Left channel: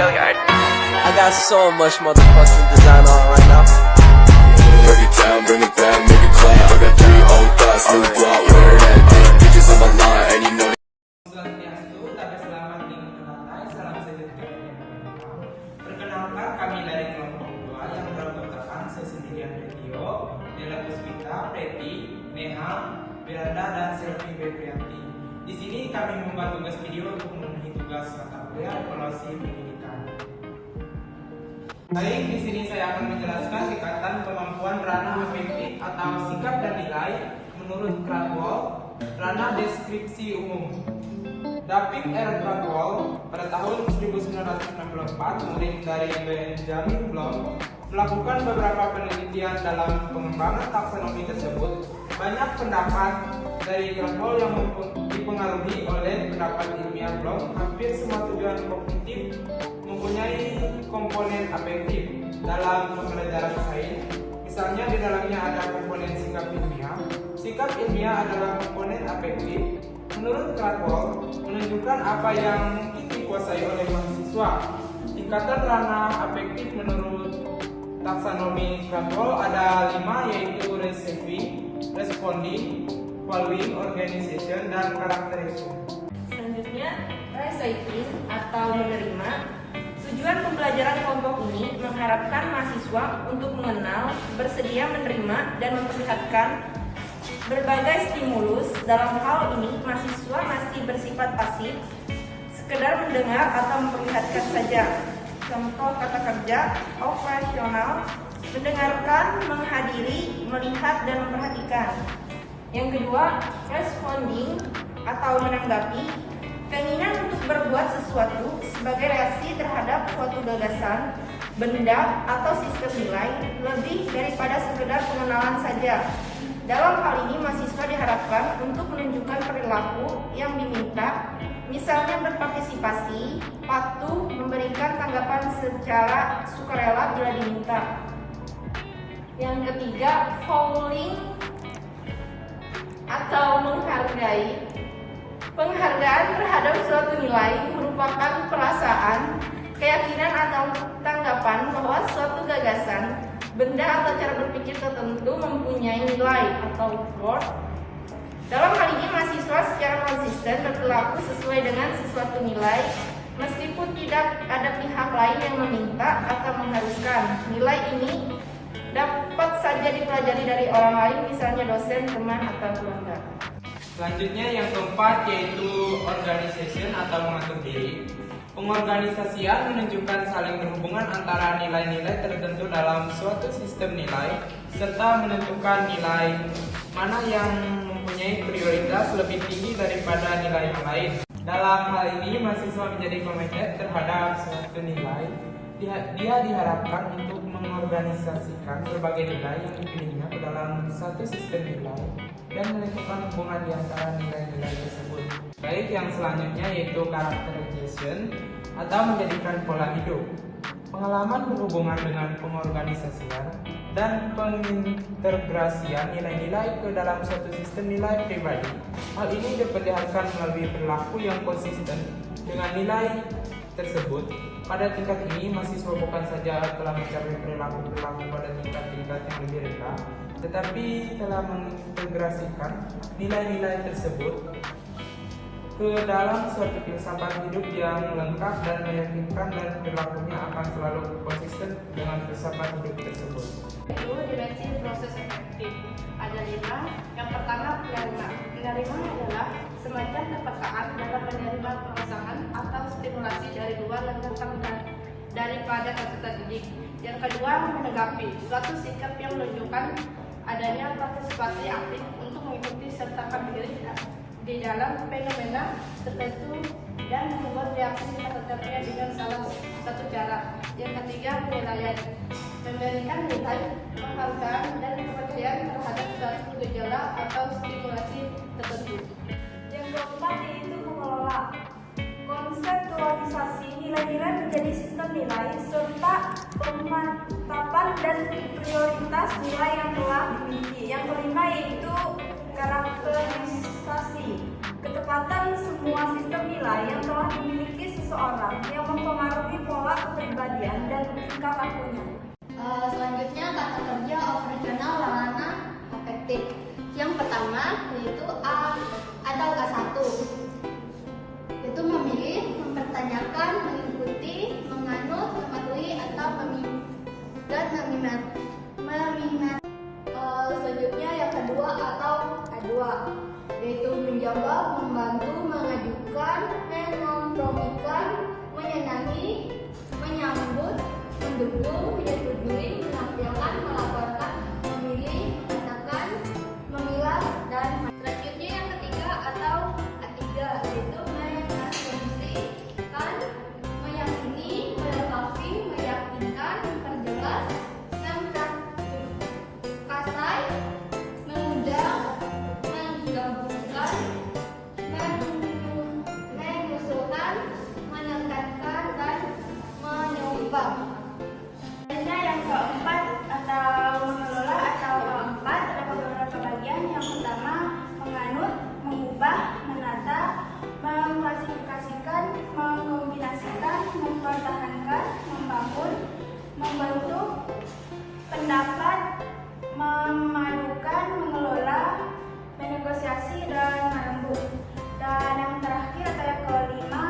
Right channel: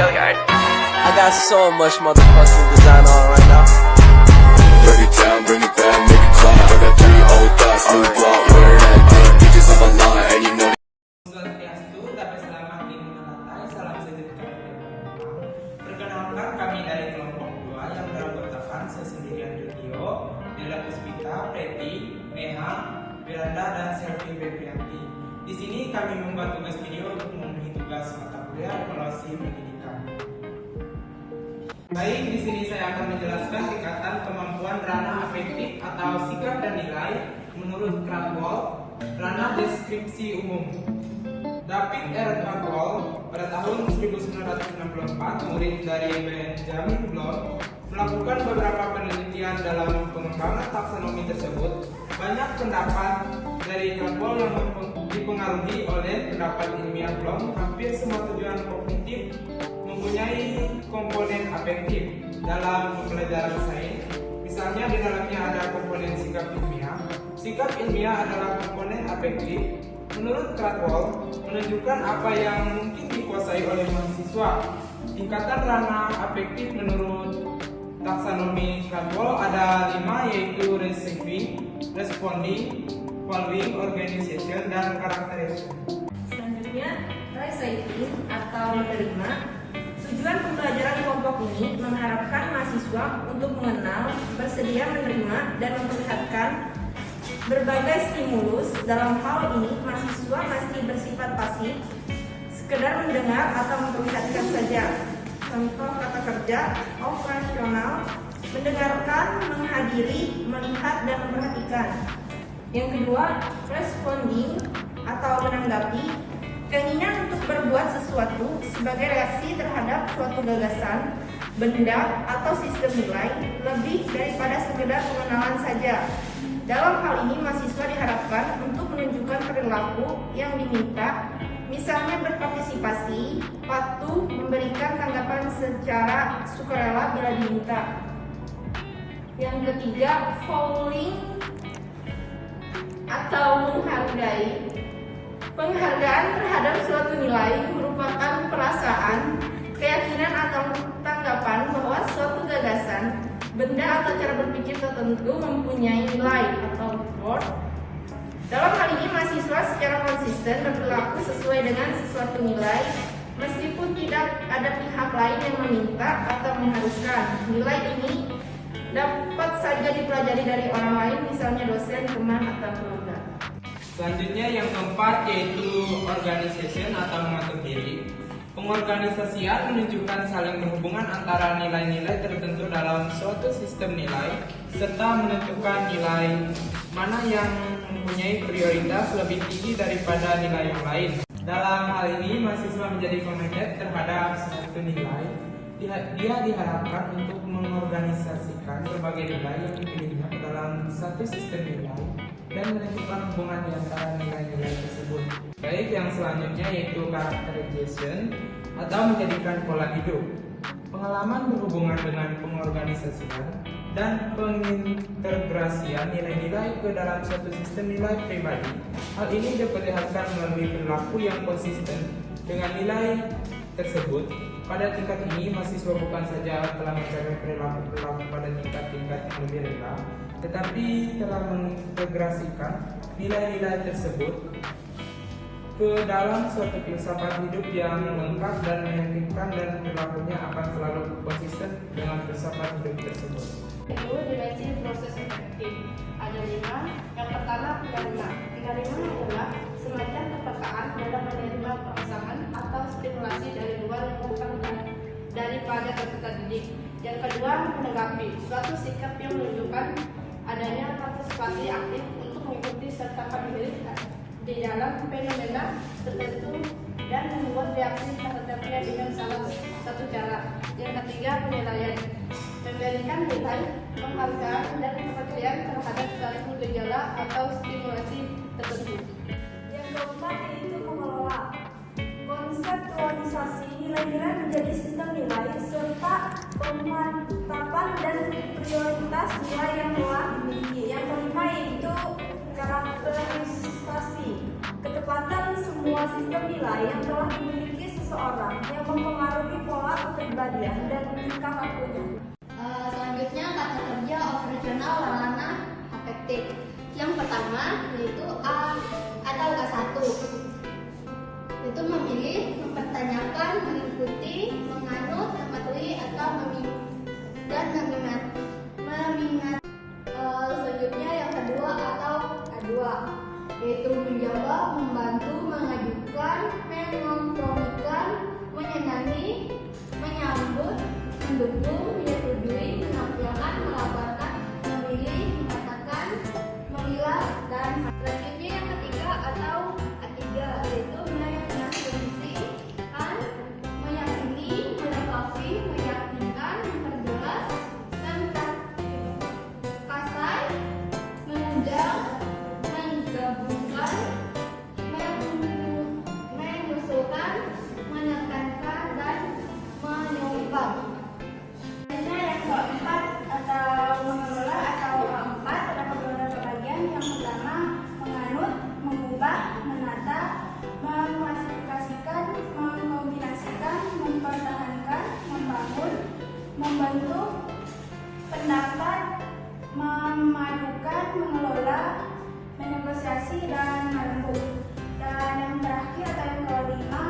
Hilliard. I got so much motherfucking design on right now. Break it down, bring it back, make it clap. I got 3 old thoughts, new block, where that day. Bitches on my line, and you know. Perkenalkan, kami dari kelompok 2 yang beranggotakan Sesendirian Radio, Dela Puspita, Preti, Neha, Miranda, dan Selvi Beprianti. Di sini kami membuat tugas video untuk memenuhi tugas mata kuliah evaluasi pendidikan. Baik, di sini saya akan menjelaskan tingkatan kemampuan ranah afektif atau sikap dan nilai menurut Cradwell, ranah deskripsi umum. David R. Cradwell pada tahun 1964, murid dari Benjamin Bloom, melakukan beberapa penelitian dalam pengembangan taksonomi tersebut. Banyak pendapat dari Cradwell yang dipengaruhi oleh pendapat ilmiah Bloom. Hampir semua tujuan kognitif mempunyai komponen afektif dalam pembelajaran sains. Misalnya di dalamnya ada komponen sikap ilmiah. Sikap ilmiah adalah komponen afektif. Menurut Cradwell, menunjukkan apa yang mungkin dikuasai oleh mahasiswa. Tingkatan ranah afektif menurut taksonomi Cradwell ada 5, yaitu receiving, responding, following, organization, dan characterization. Selanjutnya, receiving atau menerima. Tujuan pembelajaran kelompok ini mengharapkan mahasiswa untuk mengenal, bersedia menerima, dan memperlihatkan berbagai stimulus. Dalam hal ini, mahasiswa masih bersifat pasif, sekedar mendengar atau memperlihatkan saja. Contoh kata kerja, operasional, mendengarkan, menghadiri, melihat, dan memperhatikan. Yang kedua, responding atau menanggapi. Keinginan untuk berbuat sesuatu sebagai reaksi terhadap suatu gagasan, benda, atau sistem nilai lebih daripada sekedar pengenalan saja. Dalam hal ini, mahasiswa diharapkan untuk menunjukkan perilaku yang diminta, misalnya berpartisipasi, patuh, memberikan tanggapan secara sukarela bila diminta. Yang ketiga, following atau menghargai. Penghargaan terhadap suatu nilai merupakan perasaan, keyakinan atau tanggapan bahwa suatu gagasan, benda atau cara berpikir tertentu mempunyai nilai atau worth. Dalam hal ini, mahasiswa secara konsisten berperilaku sesuai dengan sesuatu nilai, meskipun tidak ada pihak lain yang meminta atau mengharuskan. Nilai ini dapat saja dipelajari dari orang lain, misalnya dosen, teman, atau keluarga. Selanjutnya yang keempat, yaitu organization atau mengatur diri. Pengorganisasian menunjukkan saling berhubungan antara nilai-nilai tertentu dalam suatu sistem nilai, serta menentukan nilai mana yang mempunyai prioritas lebih tinggi daripada nilai yang lain. Dalam hal ini, mahasiswa menjadi komited terhadap suatu nilai. Dia diharapkan untuk mengorganisasikan berbagai nilai yang dipilihnya ke dalam satu sistem nilai dan menentukan hubungan di antara nilai-nilai tersebut. Baik, yang selanjutnya yaitu characterization atau menjadikan pola hidup. Pengalaman berhubungan dengan pengorganisasian dan pengintegrasian nilai-nilai ke dalam suatu sistem nilai pribadi. Hal ini diperlihatkan melalui perilaku yang konsisten dengan nilai tersebut. Pada tingkat ini, mahasiswa bukan saja telah mencapai perilaku pada tingkat-tingkat yang lebih rendah, tetapi telah mengintegrasikan nilai-nilai tersebut ke dalam suatu filsafat hidup yang lengkap dan meyakinkan, dan perilakunya akan selalu konsisten dengan filsafat hidup tersebut. Itu dimensi proses efektif. Ada 5. Yang pertama, penerima. Penerima adalah semacam kepekaan dalam menerima perasaan atau stimulasi dari luar yang datang daripada peserta didik. Yang kedua, menanggapi. Suatu sikap yang menunjukkan adanya partisipasi aktif untuk mengikuti sertakan diri di dalam fenomena tertentu dan membuat reaksi terhadapnya dengan salah satu cara. Yang ketiga, penilaian. Memberikan nilai, penghargaan, dan kepercayaan terhadap suatu gejala atau stimulasi tertentu. Yang keempat yaitu mengelola. Konseptualisasi nilai-nilai menjadi sistem nilai serta pemantapan dan prioritas nilai yang telah dimiliki. Yang kelima yaitu karakterisasi. ketepatan semua sistem nilai yang telah dimiliki seseorang yang mempengaruhi pola kepribadian dan tingkah lakunya. Selanjutnya kata kerja operasional sarana afektif. Yang pertama yaitu A atau A1. Itu memilih, mempertanyakan, mengikuti, menganut, mematuhi atau mengingat. Selanjutnya yang kedua atau A2, yaitu menjawab, membantu, mengajukan, mengkompromikan, menyenangi, menyambut, mendukung, menyetujui, menampilkan, melaporkan, memilih, mengatakan, memilah, dan selanjutnya yang ketiga atau A3, yaitu mengasumsikan, meyakini, melengkapi, meyakinkan, memperjelas, kasai, mengundang, menggabungkan, mengusulkan, menekankan, dan menyumbang. Selanjutnya yang keempat atau mengelola atau keempat terdapat beberapa bagian. Yang pertama menganut, mengubah, menata, mengklasifikasikan, mengkombinasikan, mempertahankan, membangun, membentuk pendapat, memadukan, mengelola, menegosiasi, dan merembuk. Dan yang terakhir atau yang kelima